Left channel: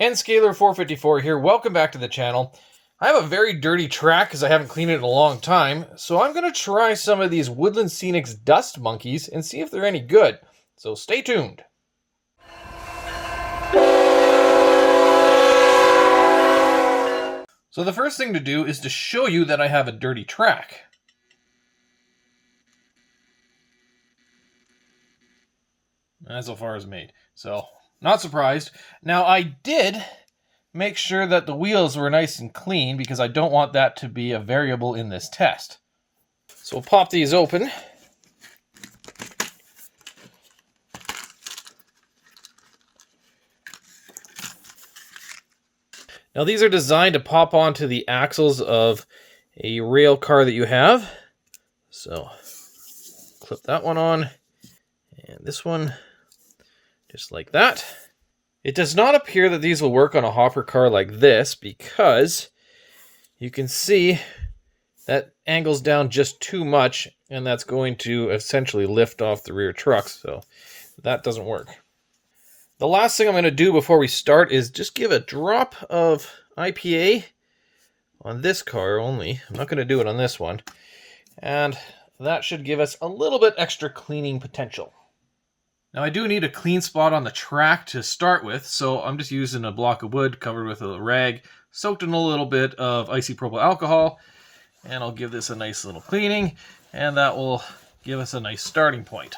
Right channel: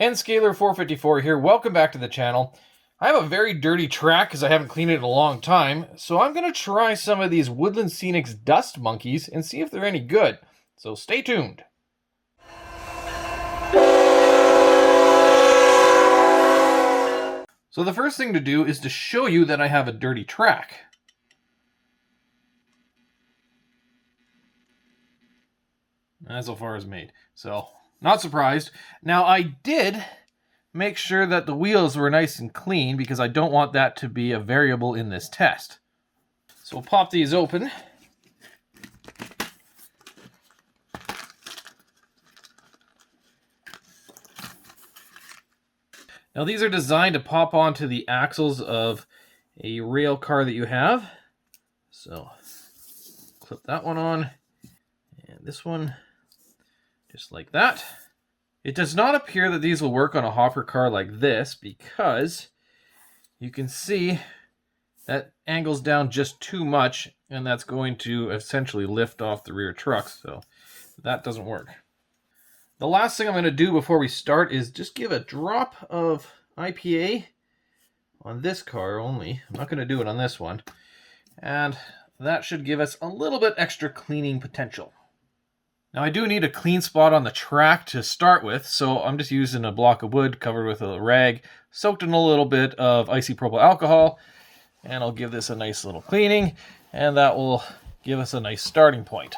Nscaler454 here. Welcome back to the channel. I have a very dirty track because I haven't cleaned it in a long time, so I'm going to try some of these Woodland Scenics dust monkeys and see if they're any good. So stay tuned. So the first thing to do is to show you that I have a dirty track. That's so far as made. So, not surprised. Now, I did make sure that the wheels were nice and clean because I don't want that to be a variable in this test. So we'll pop these open. Now these are designed to pop onto the axles of a rail car that you have. So clip that one on, and this one, just like that. It does not appear that these will work on a hopper car like this because you can see that angles down just too much, and that's going to essentially lift off the rear trucks, so that doesn't work. The last thing I'm going to do before we start is just give a drop of IPA on this car only. I'm not going to do it on this one. And that should give us a little bit extra cleaning potential. Now I do need a clean spot on the track to start with, so I'm just using a block of wood covered with a rag, soaked in a little bit of isopropyl alcohol, and I'll give this a nice little cleaning, and that will give us a nice starting point.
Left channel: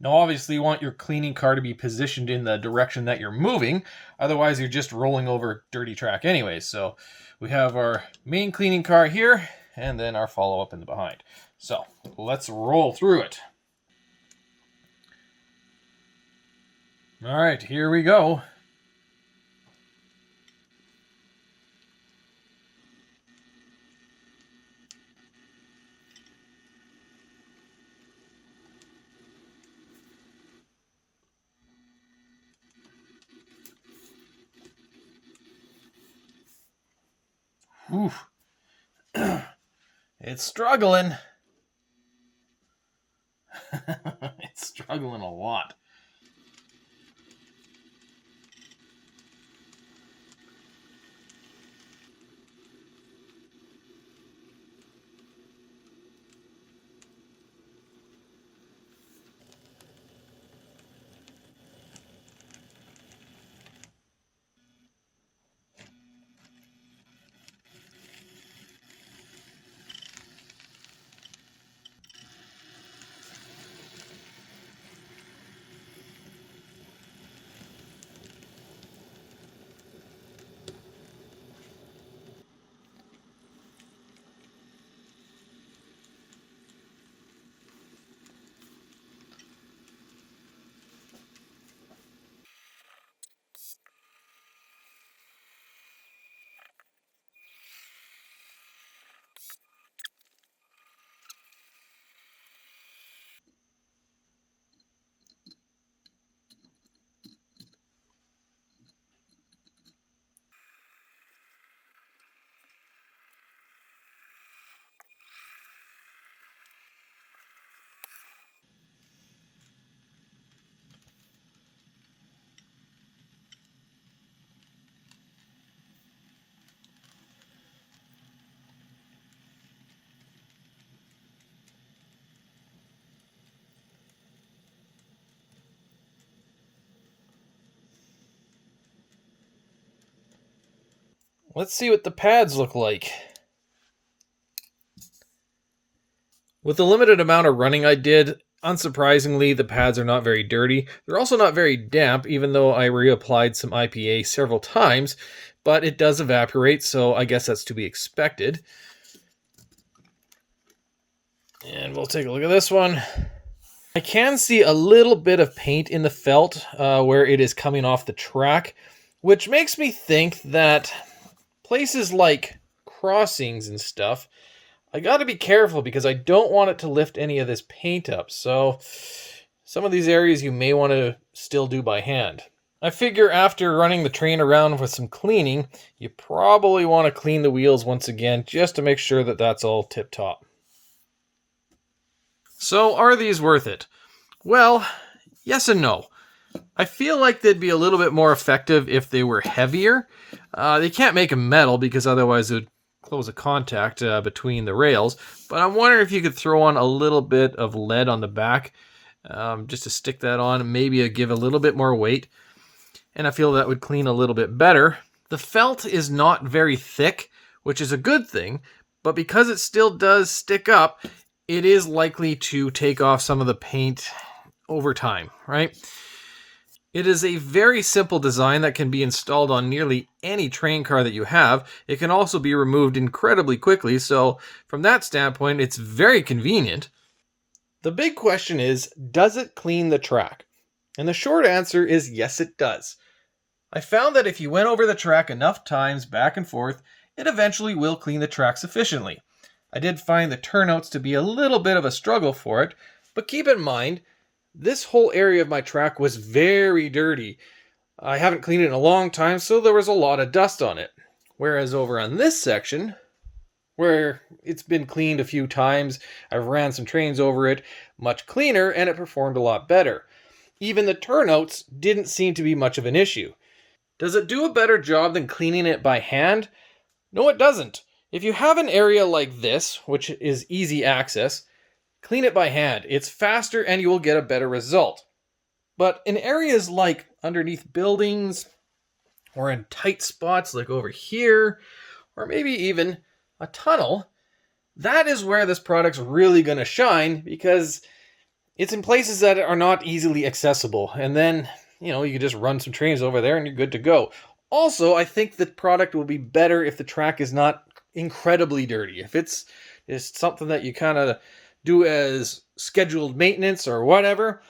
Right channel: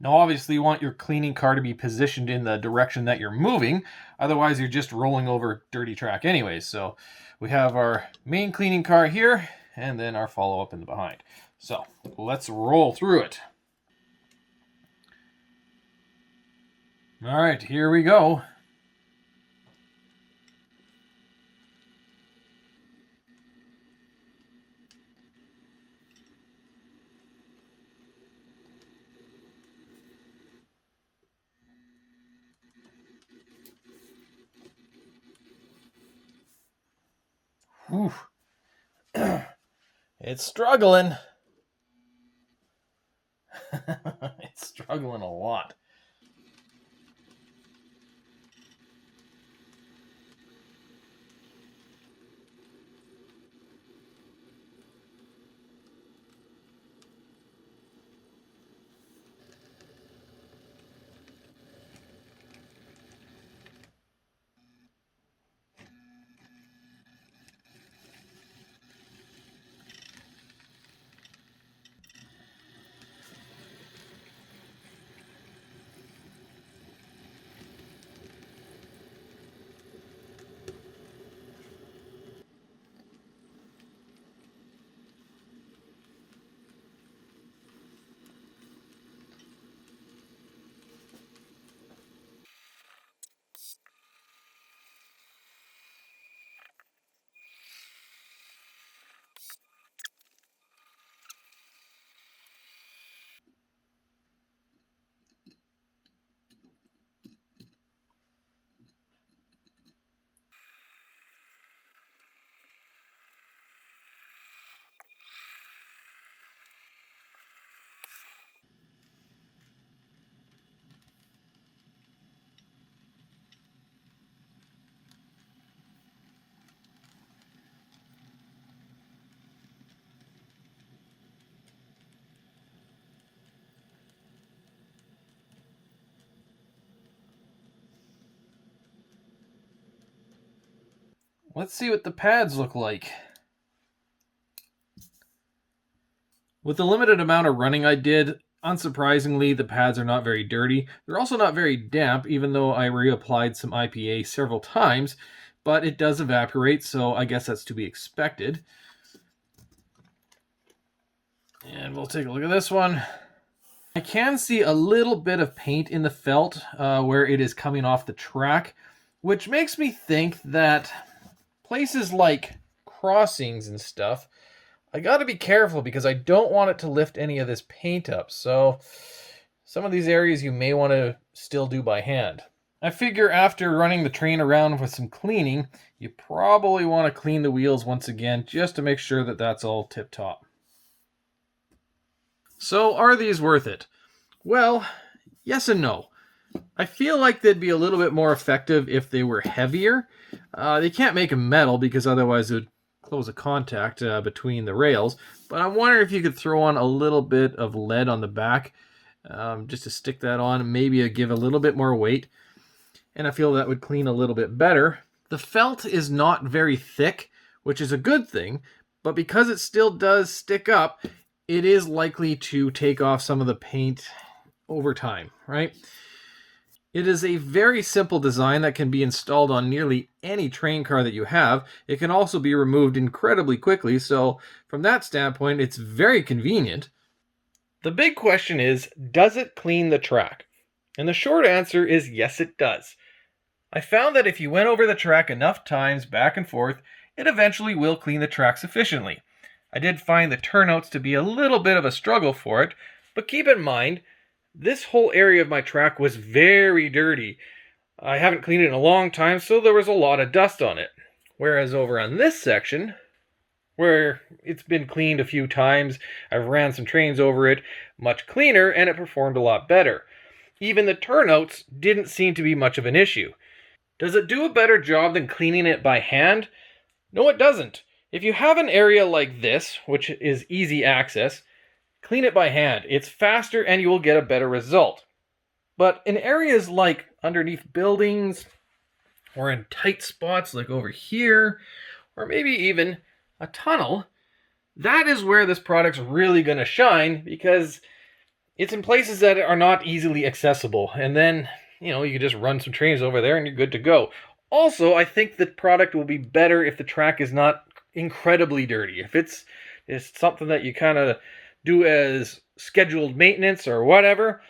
Now obviously you want your cleaning car to be positioned in the direction that you're moving, otherwise you're just rolling over dirty track anyways. So we have our main cleaning car here, and then our follow-up in the behind. So let's roll through it. All right, here we go. Oof. It's struggling. It's struggling a lot. Let's see what the pads look like. With the limited amount of running I did, unsurprisingly, the pads are not very dirty. They're also not very damp, even though I reapplied some IPA several times, but it does evaporate, so I guess that's to be expected. And we'll take a look at this one. I can see a little bit of paint in the felt where it is coming off the track, which makes me think that places like crossings and stuff, I got to be careful because I don't want it to lift any of this paint up. So some of these areas you may want to still do by hand. I figure after running the train around with some cleaning, you probably want to clean the wheels once again just to make sure that that's all tip-top. So are these worth it? Well, yes and no. I feel like they'd be a little bit more effective if they were heavier. They can't make them metal because otherwise it would close a contact between the rails. But I'm wondering if you could throw on a little bit of lead on the back just to stick that on. Maybe give a little bit more weight. And I feel that would clean a little bit better. The felt is not very thick, which is a good thing. But because it still does stick up, it is likely to take off some of the paint over time, right? It is a very simple design that can be installed on nearly any train car that you have. It can also be removed incredibly quickly, so from that standpoint, it's very convenient. The big question is, does it clean the track? And the short answer is yes, it does. I found that if you went over the track enough times back and forth, it eventually will clean the track sufficiently. I did find the turnouts to be a little bit of a struggle for it, but keep in mind, this whole area of my track was very dirty. I haven't cleaned it in a long time, so there was a lot of dust on it. Whereas over on this section, where it's been cleaned a few times, I've ran some trains over it, much cleaner, and it performed a lot better. Even the turnouts didn't seem to be much of an issue. Does it do a better job than cleaning it by hand? No, it doesn't. If you have an area like this, which is easy access, clean it by hand. It's faster and you will get a better result. But in areas like underneath buildings, or in tight spots like over here, or maybe even a tunnel, that is where this product's really going to shine because it's in places that are not easily accessible. And then, you can just run some trains over there and you're good to go. Also, I think the product will be better if the track is not incredibly dirty. If it's something that you kind of do as scheduled maintenance or whatever,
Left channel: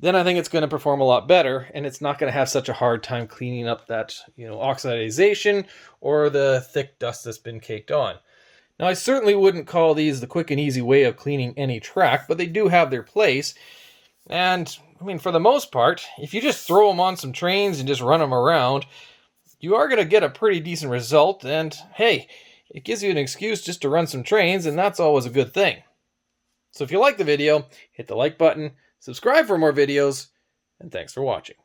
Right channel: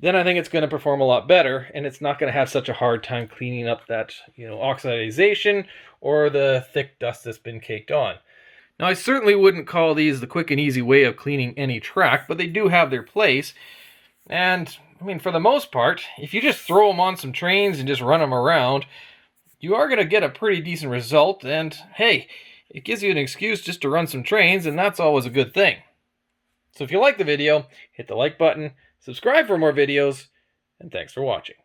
then I think it's going to perform a lot better, and it's not going to have such a hard time cleaning up that, oxidization or the thick dust that's been caked on. Now, I certainly wouldn't call these the quick and easy way of cleaning any track, but they do have their place. And, for the most part, if you just throw them on some trains and just run them around, you are going to get a pretty decent result, and hey, it gives you an excuse just to run some trains, and that's always a good thing. So if you like the video, hit the like button, subscribe for more videos, and thanks for watching.